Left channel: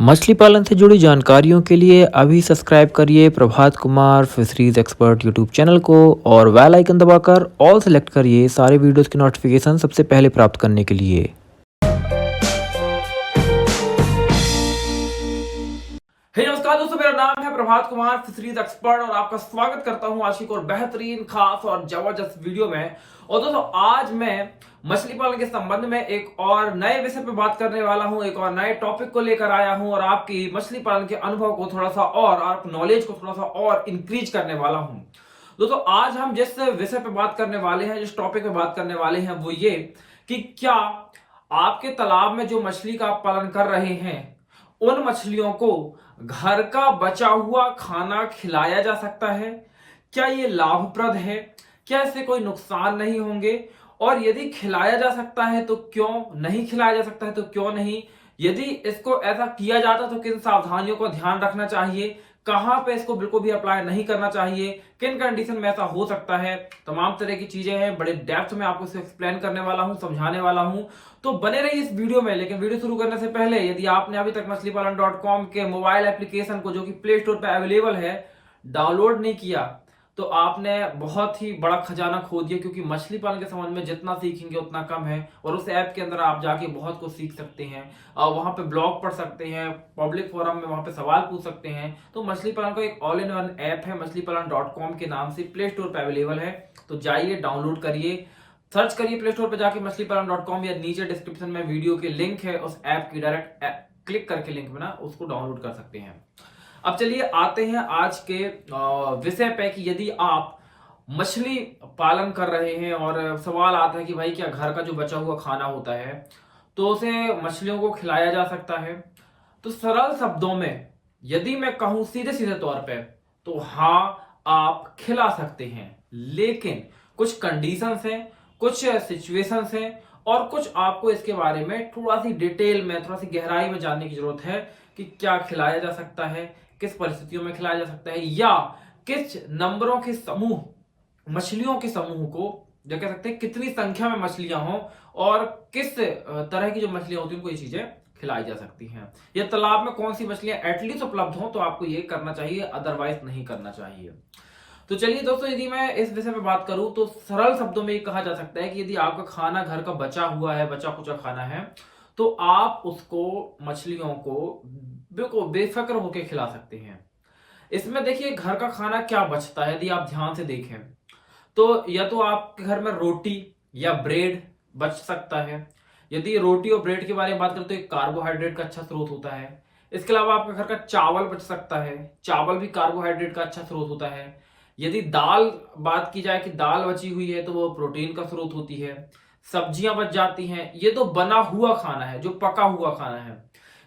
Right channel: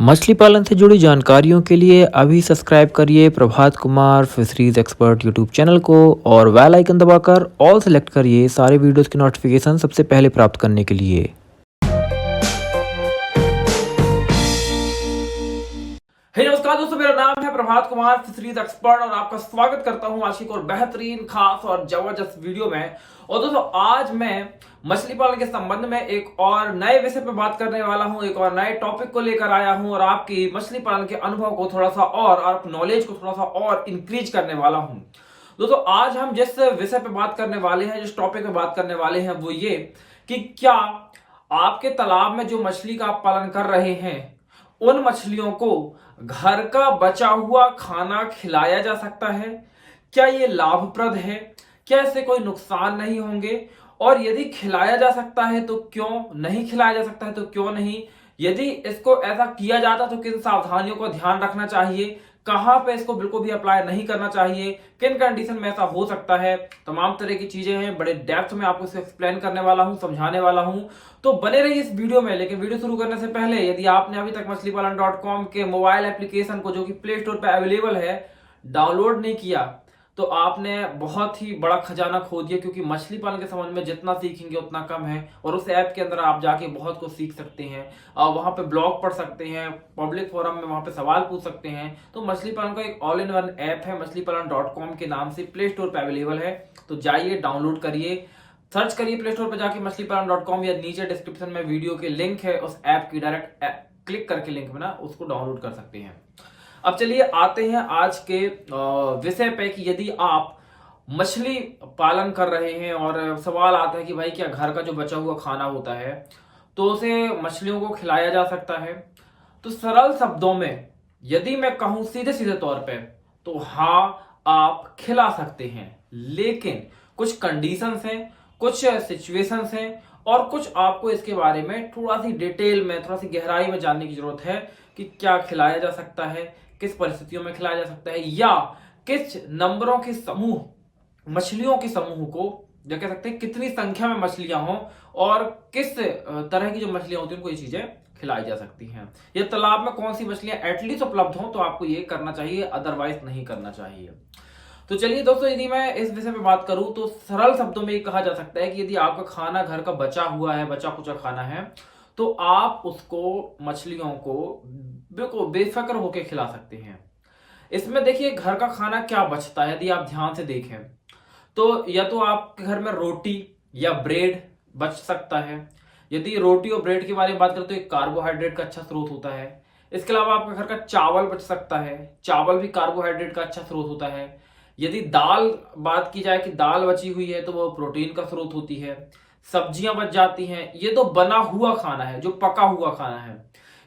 मछली पालन से जुड़ी जानकारियों के लिए अभी सब्सक्राइब करिए Prabhat Kumar fisheries expert YouTube channel को और बेल आइकन दबाकर ऑल सेलेक्ट करिए सारे वीडियोस की नोटिफिकेशन सबसे पहले प्राप्त करने के लिए। हे नमस्कार दोस्तों, मेरा नाम है प्रभात कुमार फिशरीज एक्सपर्ट और आपका स्वागत करता हूं आज की एक और बेहतरीन, खास और जबरदस्त वीडियो में। और दोस्तों, आज मैं मछली पालन के संबंध में एक और नए विषय पे बात करने वाला हूं, एक और नए टॉपिक को लेकर आया हूं और आपकी मछली पालन के अनुभव को थोड़ा सा और नॉलेज को थोड़ा सा और इंक्रीज करने वाला हूं। दोस्तों, आज हम जिस विषय पे बात करने वाले हैं, जिस टॉपिक पे बात करने वाले हैं, वो ये कि क्या आपके तालाब में जो मछली का आप पालन कर रहे हैं उन मछलियों को घर का बचा हुआ खाना खिलाया जा सकता है? क्या ये लाभप्रद है? क्या इससे कोई नुकसान नहीं होंगे? और यदि खिलाया जा सकता है तो क्यों, नहीं खिलाया जा सकता है तो क्यों नहीं? यदि इसको ऐसा किया जाता तो किन सावधानियों को ध्यान रखना चाहिए? कहां पे इसको बिल्कुल भी अप्लाई नहीं करना चाहिए? किन कंडीशन में ऐसा हो सकता है? तमाम तरह की चीजें हैं, बड़े डेप्थ में आपको इसे एक्सप्लेन करने वाला हूं, समझाने वाला हूं। तो बने रहिए इस वीडियो में। लेकिन वीडियो शुरू करने से पहले यदि आपने अभी तक मछलीपालन.com के मोबाइल एप्लीकेशन को, जो कि प्ले स्टोर पर अवेलेबल है, डाउनलोड नहीं किया तो आपने बहुत ही बड़ा खजाना खो दिया, क्योंकि मछली पालन के संबंध में जितना सीखेंगे उतना कम है। और उस ऐप के अंदर आप जाके बहुत कुछ सीख सकते हैं, वहां पे ब्लॉग पढ़ सकते हैं, पब्लिक फोरम में वहां पे सवाल पूछ सकते हैं। तो मछली पालन का एक ऑल इन वन ऐप है, मछलीपालन.com के नाम से प्ले स्टोर पर अवेलेबल है। तो जाइए, डाउनलोड करिए, सर्च करिए प्ले स्टोर पर जाके मछलीपालन.com, या नीचे डिस्क्रिप्शन में वीडियो के लिंक है उस ऐप की, डायरेक्ट क्लिक करके लिंक में ना उसको डाउनलोड कर सकते हैं। अब चलिए आते हैं आज के विषय पे कि यदि आप मछली पालन कर रहे हैं और सवाल आता है कि भाई क्या घर का जो बचा हुआ खाना होता है तो उसे मछलियों को खिलाया जा सकता है? तो सरल शब्दों में यदि मैं कहूं सीधे सीधे तौर पे, तो हाँ, आप खिला सकते हैं। लेकिन कुछ कंडीशंस हैं, कुछ सिचुएशंस हैं और कुछ आपको इसके बारे में थोड़ा सी डिटेल में, थोड़ा सी गहराई में जानने की जरूरत है कि क्या खिलाया जा सकता है, किस परिस्थितियों में खिलाया जा सकता है, या किस नंबरों के समूह, मछलियों के समूह को, जो कह सकते हैं कितनी संख्या में मछलियां हों और किस तरह की जो मछलियां होती हैं उनको ये चीजें खिलाई जा सकती हैं। या तालाब में कौन सी मछलियां एटलीस्ट उपलब्ध हों तो आपको ये करना चाहिए, अदरवाइज नहीं करना चाहिए। तो चलिए दोस्तों, यदि मैं इस विषय में बात करूं तो सरल शब्दों में ये कहा जा सकता है कि यदि आपका खाना घर का बचा हुआ है, बचा कुचा खाना है, तो आप उसको, मछलियों को बिल्कुल बेफिक्र होकर खिला सकते हैं। इसमें देखिए, घर का खाना क्या बचता है, यदि आप ध्यान से देखें तो या तो आपके घर में रोटी या ब्रेड बच सकता है। यदि रोटी और ब्रेड के बारे में बात करें तो एक कार्बोहाइड्रेट का अच्छा स्रोत होता है। इसके अलावा आपका घर का चावल बच सकता है, चावल भी कार्बोहाइड्रेट का अच्छा स्रोत होता है। यदि दाल बात की जाए कि दाल बची हुई है तो वो प्रोटीन का स्रोत होती है। सब्जियां बच जाती हैं, ये तो बना हुआ खाना है, जो पका हुआ खाना है।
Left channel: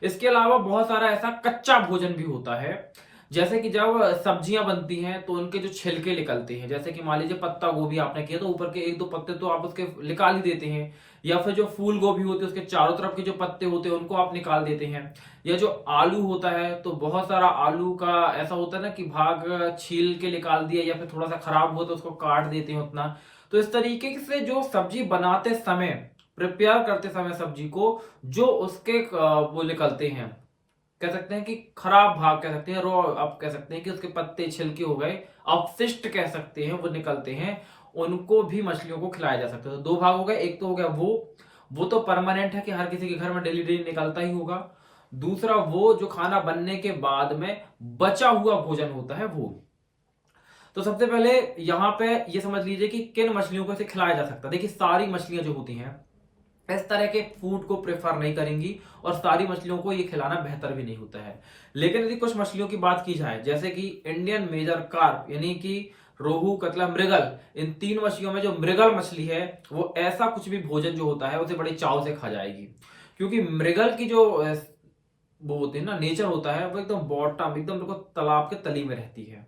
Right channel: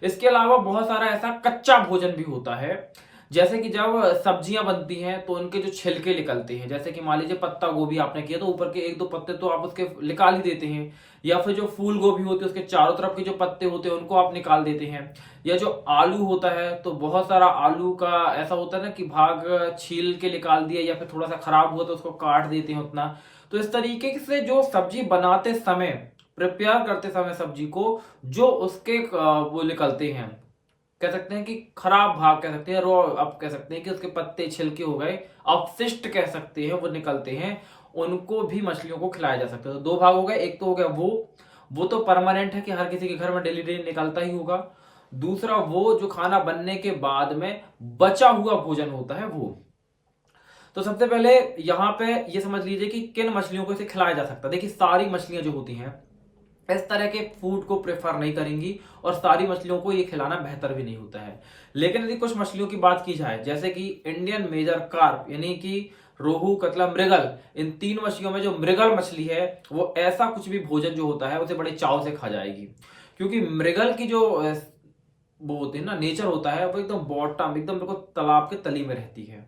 इसके अलावा बहुत सारा ऐसा कच्चा भोजन भी होता है, जैसे कि जब सब्जियां बनती हैं तो उनके जो छिलके निकलते हैं, जैसे कि मान लीजिए पत्ता गोभी आपने किया तो ऊपर के एक दो पत्ते तो आप उसके निकाल ही देते हैं, या फिर जो फूल गोभी होती है उसके चारों तरफ के जो पत्ते होते हैं उनको आप निकाल देते हैं। या जो आलू होता है तो बहुत सारा आलू का ऐसा होता है ना कि भाग छील के निकाल दिया, या फिर थोड़ा सा खराब हुआ तो उसको काट देते हैं उतना। तो इस तरीके से जो सब्जी बनाते समय, प्रिपेयर करते समय सब्जी को, जो उसके वो निकलते हैं, कह सकते हैं कि खराब भाग कह सकते हैं, रो आप कह सकते हैं कि उसके पत्ते छिलके हो गए, अपशिष्ट कह सकते हैं, वो निकलते हैं, उनको भी मछलियों को खिलाया जा सकता है। तो दो भाग हो गए, एक तो हो गया वो तो परमानेंट है कि हर किसी के घर में डेली डेली निकलता ही होगा। दूसरा वो जो खाना बनने के बाद में बचा हुआ भोजन होता है वो। तो सबसे पहले यहां पे ये समझ लीजिए कि किन मछलियों को इसे खिलाया जा सकता है। देखिए, सारी मछलियां जो होती हैं इस तरह के फूड को प्रेफर नहीं करेंगी और सारी मछलियों को ये खिलाना बेहतर भी नहीं होता है। लेकिन यदि कुछ मछलियों की बात की जाए, जैसे कि इंडियन मेजर कार्प, यानी कि रोहू, कतला, मृगल, इन तीन मछलियों में जो मृगल मछली है वो ऐसा कुछ भी भोजन जो होता है उसे बड़े चाव से खा जाएगी। क्योंकि मृगल की जो वो होती है ना, नेचर होता है, वो एकदम बॉटम, एकदम देखो तालाब के तली में रहती है।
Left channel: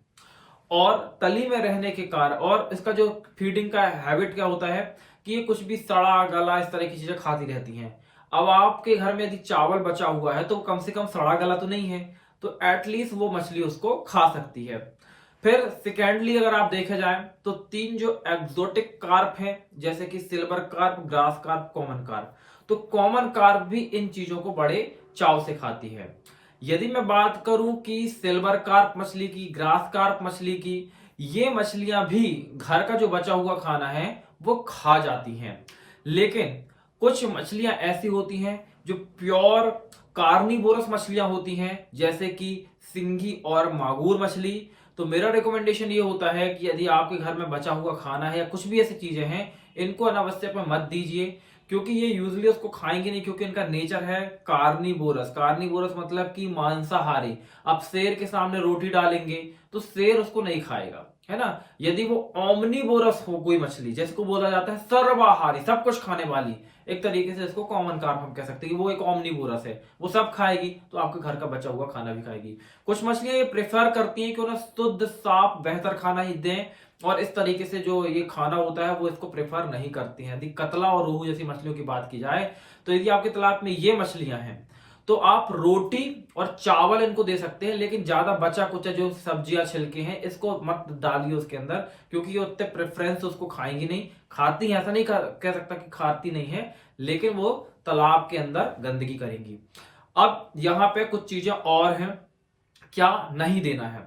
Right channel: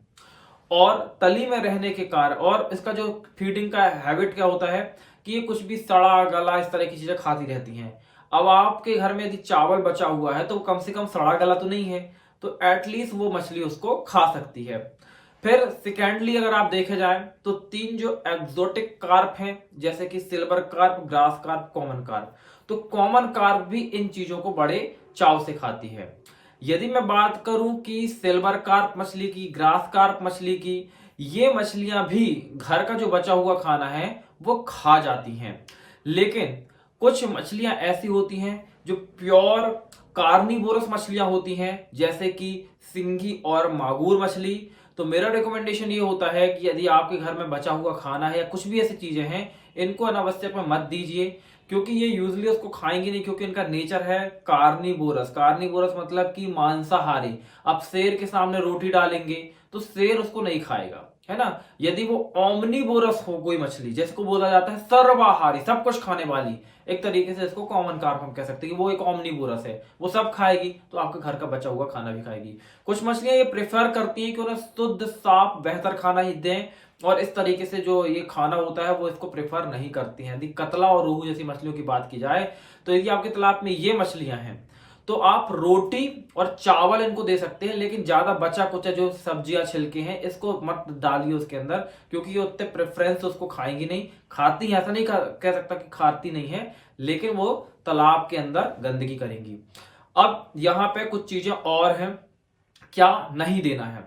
और तली में रहने के कारण, और इसका जो फीडिंग का हैबिट क्या होता है कि ये कुछ भी सड़ा गला इस तरह की चीजें खाती रहती हैं। अब आपके घर में यदि चावल बचा हुआ है तो कम से कम सड़ा गला तो नहीं है, तो एटलीस्ट वो मछली उसको खा सकती है। फिर सेकेंडली अगर आप देखे जाए तो तीन जो एक्सोटिक कार्प हैं, जैसे कि silver carp, grass carp, common carp, तो कॉमन कार्प भी इन चीजों को बड़े चाव से खाती है। यदि मैं बात करूं कि सिल्वर कार्प मछली की, ग्रास कार्प मछली की, ये मछलियां भी घर का जो बचा हुआ खाना है वो खा जाती हैं। लेकिन कुछ मछलियां ऐसी होती हैं जो प्योर कार्निवोरस मछलियां होती हैं, जैसे कि सिंगी और मागुर मछली। तो मेरा रिकमेंडेशन ये होता है कि यदि आपके घर में बचा हुआ खाना है या कुछ भी ऐसी चीजें हैं, इनको अनावश्यक में मत दीजिए, क्योंकि ये यूजली उसको खाएंगे नहीं, क्योंकि इनका नेचर है कार्निवोरस। कार्निवोरस मतलब कि मांसाहारी। आप शेर के सामने रोटी डालेंगे तो शेर उसको नहीं खाएगा, है ना। यदि वो ओमनीवोरस हो कोई मछली, जिसको बोला जाता है सर्वाहारी, सब कुछ खाने वाली, एक तरीके से इसको कॉमन कार्प हम कह सकते हैं कि वो एक ओमनीवोरस है, वो सब खाएगी तो आपके घर का बचा हुआ खाना भी खाएगी। कुछ मछलियां ये प्रेफर करती हैं कि उन्हें शुद्ध साफ बेहतर खाना ही दें, और इस तरीके से जो ये खाना होता है वो इसको प्रेफर नहीं करती हैं। यदि कतला और रोहू जैसी मछलियों की बात की जाए, तो यदि आपके तालाब में ये मछलियां हैं तो आप रोटी और चावल इनको दे सकते हैं, लेकिन ज्यादा बचा कुचा जो सब्जियां छिलके हैं इसको मत डालिए उसके अंदर, क्योंकि ये उतने प्रेफरेंस उसको खाएंगी नहीं। खाती है ऐसा नहीं कह सकता कि खाती नहीं है, लेकिन वो तालाब के अंदर गंदगी करेंगी। अब यहाँ पे कुछ चीजें और हैं क्या नहीं देना है।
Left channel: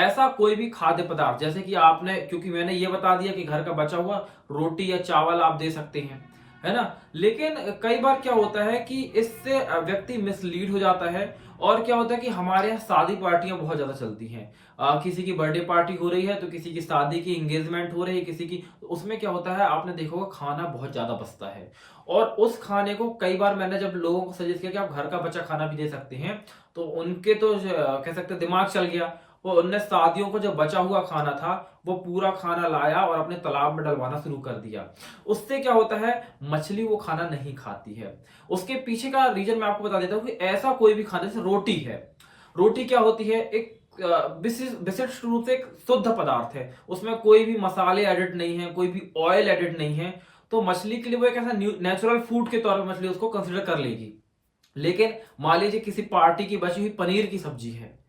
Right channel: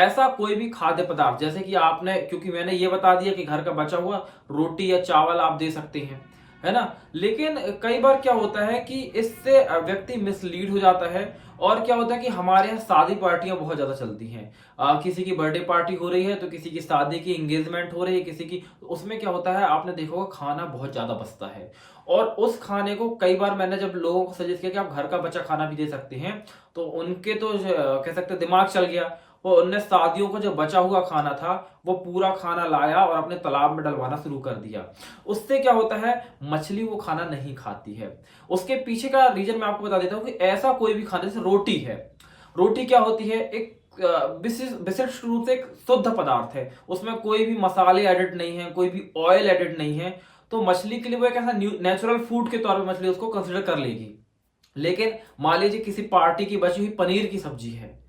ऐसा कोई भी खाद्य पदार्थ, जैसे कि आपने, क्योंकि मैंने ये बता दिया कि घर का बचा हुआ रोटी या चावल आप दे सकते हैं, है ना। लेकिन कई बार क्या होता है कि इससे व्यक्ति मिसलीड हो जाता है, और क्या होता है कि हमारे यहाँ शादी पार्टियां बहुत ज्यादा चलती हैं। किसी की बर्थडे पार्टी हो रही है, तो किसी की शादी की एंगेजमेंट हो रही है, किसी की, तो उसमें क्या होता है आपने देखा होगा खाना बहुत ज्यादा बचता है। और उस खाने को कई बार मैंने जब लोगों को सजेस्ट किया कि आप घर का बचा खाना भी दे सकते हैं, तो उनके तो कह सकते दिमाग चल गया। वो उनने शादियों को जो बचा हुआ खाना था वो पूरा खाना लाया और अपने तालाब में डलवाना शुरू कर दिया। उससे क्या होता है, मछली वो खाना नहीं खाती है। उसके पीछे का रीजन मैं आपको बता देता हूं कि ऐसा कोई भी खाना, जैसे रोटी है, रोटी क्या होती है, एक विशिष्ट रूप से एक शुद्ध पदार्थ है, उसमें कोई भी मसाले एडिड नहीं है, कोई भी ऑयल एडिड नहीं है, तो मछली के लिए वो एक ऐसा नेचुरल फूड के तौर पर मछली उसको कंसिडर कर लेगी। लेकिन मान लीजिए किसी पार्टी की बची हुई पनीर की सब्जी है,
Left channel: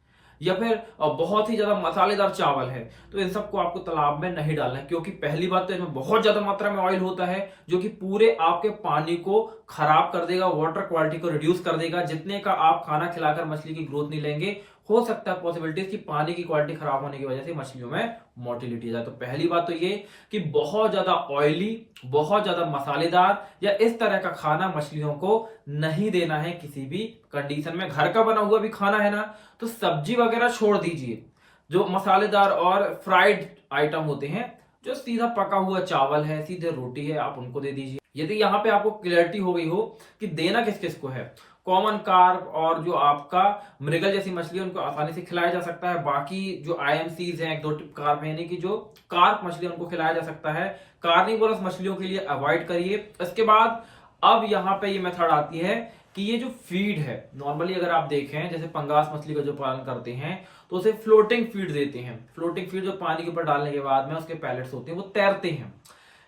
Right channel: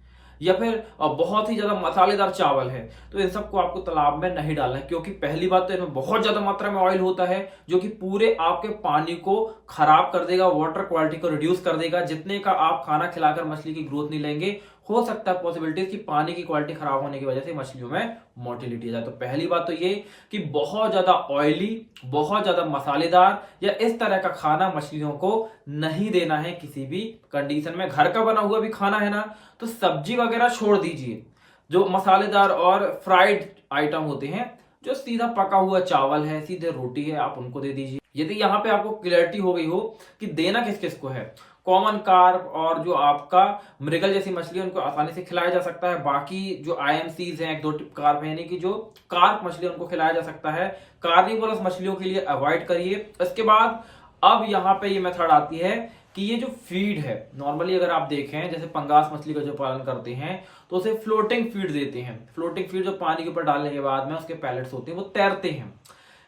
या फिर बहुत ही ज्यादा मसालेदार चावल है, तो इन सबको आपको तालाब में नहीं डालना है, क्योंकि पहली बात तो इनमें बहुत ज्यादा मात्रा में ऑयल होता है, जो कि पूरे आपके पानी को खराब कर देगा, वाटर क्वालिटी को रिड्यूस कर देगा। जितने का आप खाना खिलाकर मछली की ग्रोथ नहीं लेंगे, हो सकता है पॉसिबिलिटीज कि पानी की क्वालिटी खराब होने की वजह से मछलियों में मोर्टिलिटी आ जाए। तो पहली बात तो ये कि बहुत ज्यादा ऑयली, बहुत ज्यादा मसालेदार या इस तरह का खाना मछलियों को नहीं देना है किसी भी कंडीशन में। घर का बना हुआ भी खाना है ना, तो सब्जी वगैरह छोड़ दीजिए। जो मसालेदार और फ्राइड आइटम होते हैं, जो सीधा पका हुआ चावल है, सीधे रोटी है, आप उनको दे दीजिए। यदि यहाँ पे आपको क्लियरिटी हो गई हो कि देना किस किस को है, कॉमन कार्प और जो आपका मृगल जैसी मछली है उनको आसानी से खिलाया जा सकता है। बाकी जो आईएमसीज हैं, एक दो कार्प है, यानी कि जो कार्प मछली उनको खिलाया जा सकता है। कार्निवोरस मछलियों के लिए अवॉइड करिए। इसके बाद अब यहाँ पे ये मेथड आती है कि ये जो फीड है, नॉर्मली अगर आप देखें, जैसे पंगास मछली का जो पालन करते हैं तो उसे फ्लोटिंग फीड देते हैं। फ्लोटिंग फीड जो पानी के ऊपर डालने के बाद में उसके पैलेट्स होते हैं, वो तैरते हैं।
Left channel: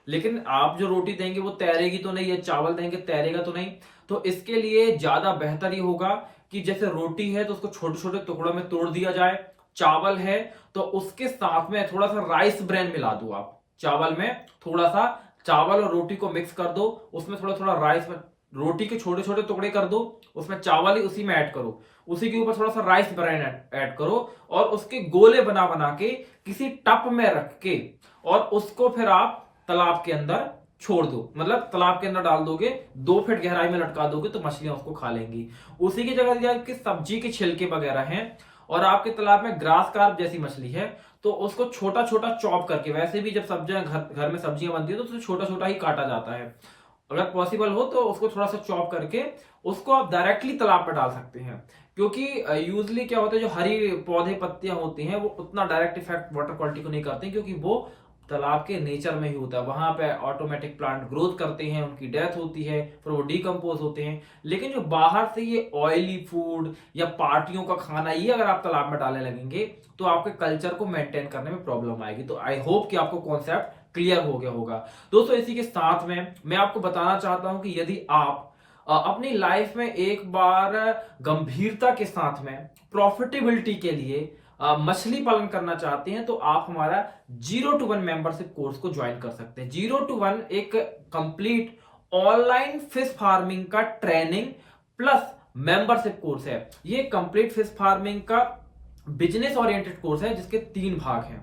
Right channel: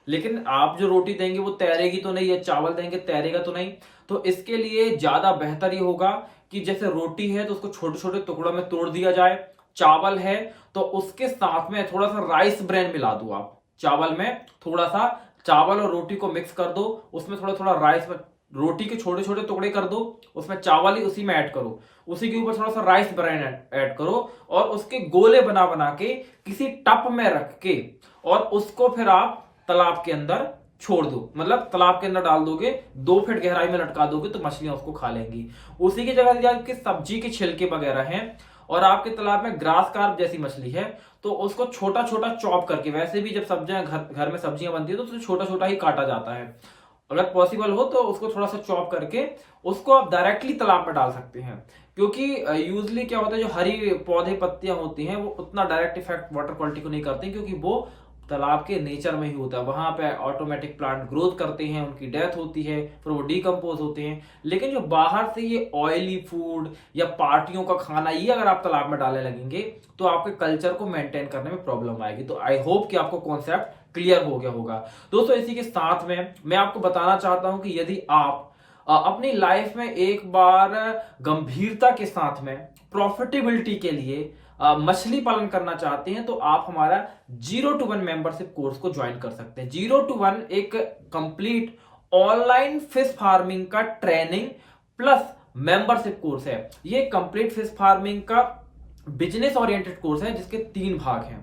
लेकिन आप जो रोटी देंगे वो तैरेगी तो नहीं, या चावल देंगे तैरेगा तो नहीं। तो इसके लिए ज्यादा बेहतर ये होगा कि जैसे रोटी है तो उसको छोटे छोटे टुकड़ों में तोड़ दिया जाए, चावल है तो उसके साथ में थोड़ा सा राइस ब्रेन मिला दो। आप चावल में थोड़ा सा चावल और रोटी को मिक्स कर दो, उसमें थोड़ा थोड़ा राइस, रोटी के छोटे छोटे टुकड़े कर दो, उसमें चावल ही उसी में ऐड करो, उसी के ऊपर थोड़ा सा राइस ब्रेन ऐड करो, और उसके गोले बना बना के किसी टप में रख के और उसको फिर आप तालाब के अंदर छोड़ दो। मतलब तालाब के अंदर डाल दोगे, 2 फीट गहराई में लटका दोगे तो मछलियां उसको खा लेंगी। उसी की जगह आपके सब्जी के छिलके वगैरह हैं और आपके तालाब में ग्रास कार्प जैसी मछली है, तो उसको छोटा छोटा चॉप करके, वैसे भी जब सब्जियां घर में सब्जियां बनती है तो उसे छोटा छोटा ही काटा जाता है, अगर पॉसिबल हो तो उसको थोड़ा सा चॉप करके उसको आप डायरेक्टली तालाब पर डाल सकते हैं। क्योंकि यूजली क्या होता है, जो हरी पौधे पत्तियां होती हैं वो उतना डायरेक्ट इफेक्ट वाटर क्वालिटी को नहीं करती, क्योंकि वो तालाब के नेचर में ही होता है। वहां पे ऑटोमेटिक प्लांट ग्रोथ करते हैं, उनकी डेथ होती है, फिर वो डिकम्पोज होते हैं। लेकिन जो बाहर से ये ऑयली फूड या पार्टियों का खाना, ये अगर आप तालाब में डालने लगेंगे तो आपके कल्चर को मेंटेन करने में प्रॉब्लम आएगी। तो आई होप कि आपको कॉन्सेप्ट क्लियर हो गया होगा। दोस्तों इसी के साथ में मैं आपको बताना चाहता हूं कि यदि आप अपनी लाइफ में एक बार गंभीरता के साथ में प्रॉफिटेबिलिटी के लिए मछली पालन करना चाहते हैं, तो आप हमारा 0 to 1 मेंबरशिप कोर्स को ज्वाइन कर सकते हैं। 0 to 1 एक कंप्लीट ऑनलाइन फिश फार्मिंग का ट्रेनिंग प्लस मेंबरशिप कोर्स है। ये कंप्लीट फिश फार्मिंग का बिजनेस ओरिएंटेड कोर्स है जिसके 3 भाग हैं।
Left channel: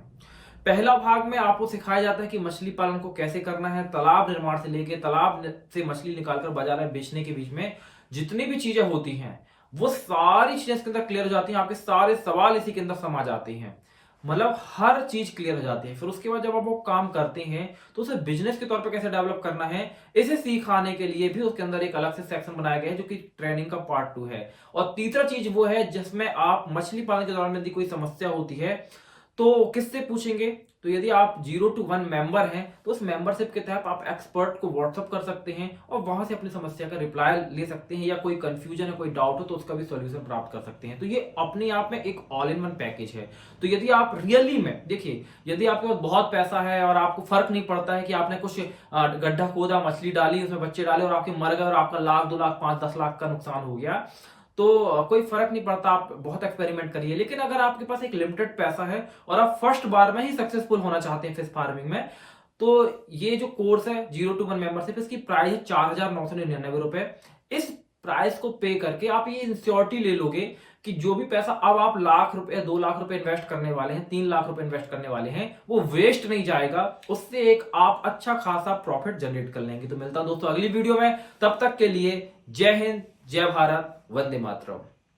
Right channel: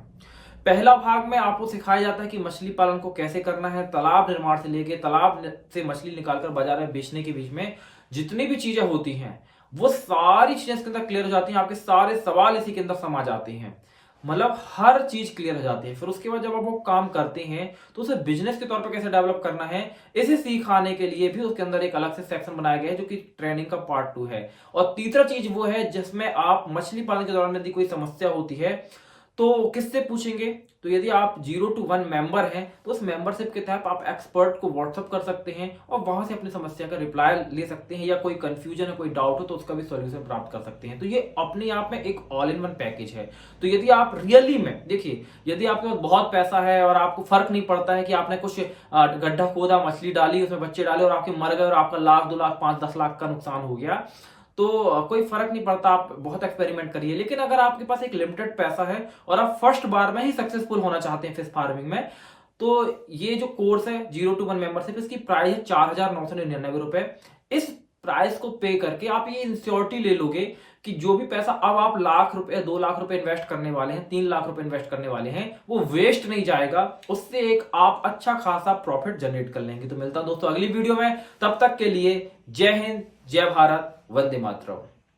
पहला भाग में आपको सिखाया जाता है कि मछली पालन को कैसे करना है, तालाब निर्माण से लेके तालाब से मछली निकालकर बाजार में बेचने के बीच में जितनी भी चीजें होती हैं वो सारी चीजें इसके अंदर क्लियर हो जाती हैं। आपके सारे सवाल इसी के अंदर समा जाते हैं, मतलब हर चीज क्लियर हो जाती है। फिर उसके बाद जब आप वो काम करते हैं तो उसे बिजनेस के तौर पर कैसे डेवलप करना है इसे सिखाने के लिए भी उसके अंदर एक अलग से सेक्शन बनाया गया है जो कि ट्रेनिंग का पार्ट 2 है। और तीसरा चीज वो है जिसमें आप मछली पालन के दौरान यदि कोई समस्या होती है तो किससे पूछेंगे। तो यदि आप 0 to 1 मेंबर हैं तो उस मेंबरशिप के तहत आप एक्सपर्ट को व्हाट्सअप कर सकते हैं और वहां से अपनी समस्या का रिप्लाई ले सकते हैं, या कोई कंफ्यूजन है, कोई डाउट हो तो उसका भी सॉल्यूशन प्राप्त कर सकते हैं। तो ये अपने आप में एक ऑल इन वन पैकेज है। तो यदि आप रियली में देखिए, यदि आपके पास बहुत पैसा है और आपको फर्क नहीं पड़ता है कि आपने कुछ गड्ढा खोदा, मछली डाली, उसमें बच्चे डाले और आपके मर गए और आपका 1 लाख 2 लाख 5-10 लाख का नुकसान हो गया, तो कोई फर्क नहीं पड़ता, आप बहुत एक्सपेरिमेंट करिए। लेकिन अगर आपके पास एक लिमिटेड पैसा है और आप फर्स्ट बार में ही सक्सेसफुल होना चाहते हैं फिश फार्मिंग में, तो ये जो कोर्स है 0 to 1 मेंबरशिप, इसकी प्राइस है 4,999 रुपए। इस प्राइस को पे करके आप ये इंश्योरिटी ले लोगे कि जो भी पैसा अब आप 1 लाख रुपए 2 लाख रुपए इन्वेस्ट करने वाले हैं, 3 लाख रुपए इन्वेस्ट करने वाले हैं, वो वेस्ट नहीं जाएगा। उससे एक आप अच्छा खासा प्रॉफिट जनरेट कर लेंगे। तो मिलता हूं दोस्तों अगली वीडियो में, तब तक के लिए जय हिंद, जय भारत, वंदे मातरम।